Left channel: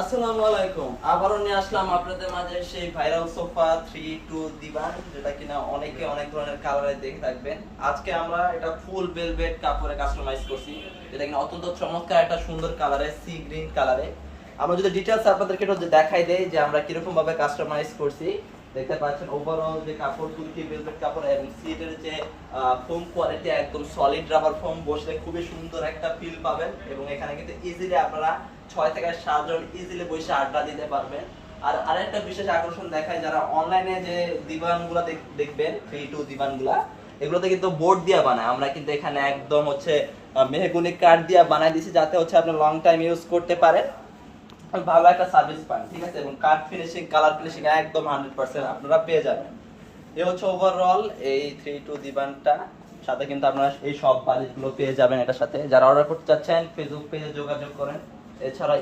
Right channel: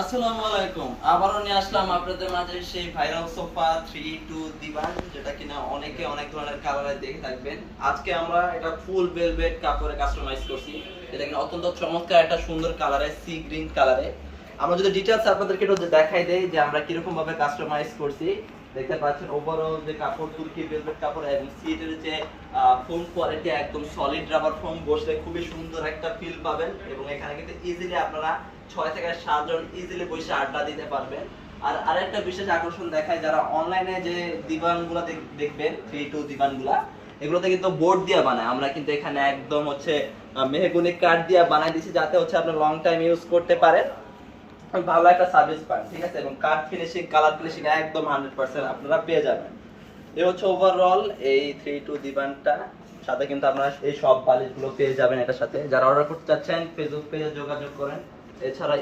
আসসালামু আলাইকুম। আবারও নিয়ে আসলাম আপনাদের মাঝে সেই ভাইরাল সোফা 3 দিবান, যেটা কিনা অনেকে অনেক ধরনের কালারে দেখে থাকবেন। আজকে আমরা এটা ফুল ভেলভেট কাপড়ে কাস্টমাইজ করছি, যেটা কিনা অত্যন্ত চমৎকার একটা সুন্দর কালারে, সি গ্রিন কালারে। আমরা যদি ডিটেইলস আপনাদেরকে একটু দেখাই দেই যে আমরা কিরকম ভাবে কাস্টমাইজ করছি। দেখতে পাচ্ছেন ওভারঅল যে কাপড়, তুর্কি ভেলভেট কাপড় এবং সিটের যে ফোম কোয়ালিটি একদম সলিড রাবার ফোম, বসলে খুবই সুন্দর একটা ফিল পাবেন। এবং এখানে কিন্তু ইজিলি আপনারা 6 থেকে 7 জন ইজিলি বসে আড্ডা দিতে পারবেন। আর আরেকটা বিশেষ আকর্ষণ দেখায়, যারা অনলাইনে যে দিবানগুলো দেখবেন, 3 দিবানগুলা, এগুলোতে কিন্তু বোর্ড দিয়ে বানায়। আমরা কিন্তু এখানে একদম হচ্ছে মেহগনি কাঠ দিয়ে বানাই দিয়েছি, যাতে হচ্ছে আপনি লং টাইম ইউজ করতে পারেন, ভালো একটা সার্ভিস পান, ঠিক আছে। এবং কাঠ ফিনিশিং, কালার ফিনিশিং একদম 100% আপনারা পেয়ে যাবেন। এই হচ্ছে ওভারঅল এই 3 দিবানটা। সাথে কিন্তু আপনারা এই সব বালিশগুলো পেয়ে যাবেন এটার সাথে। যারা অর্ডার করতে চাচ্ছেন ফেসবুক পেজে যোগাযোগ করেন। এছাড়া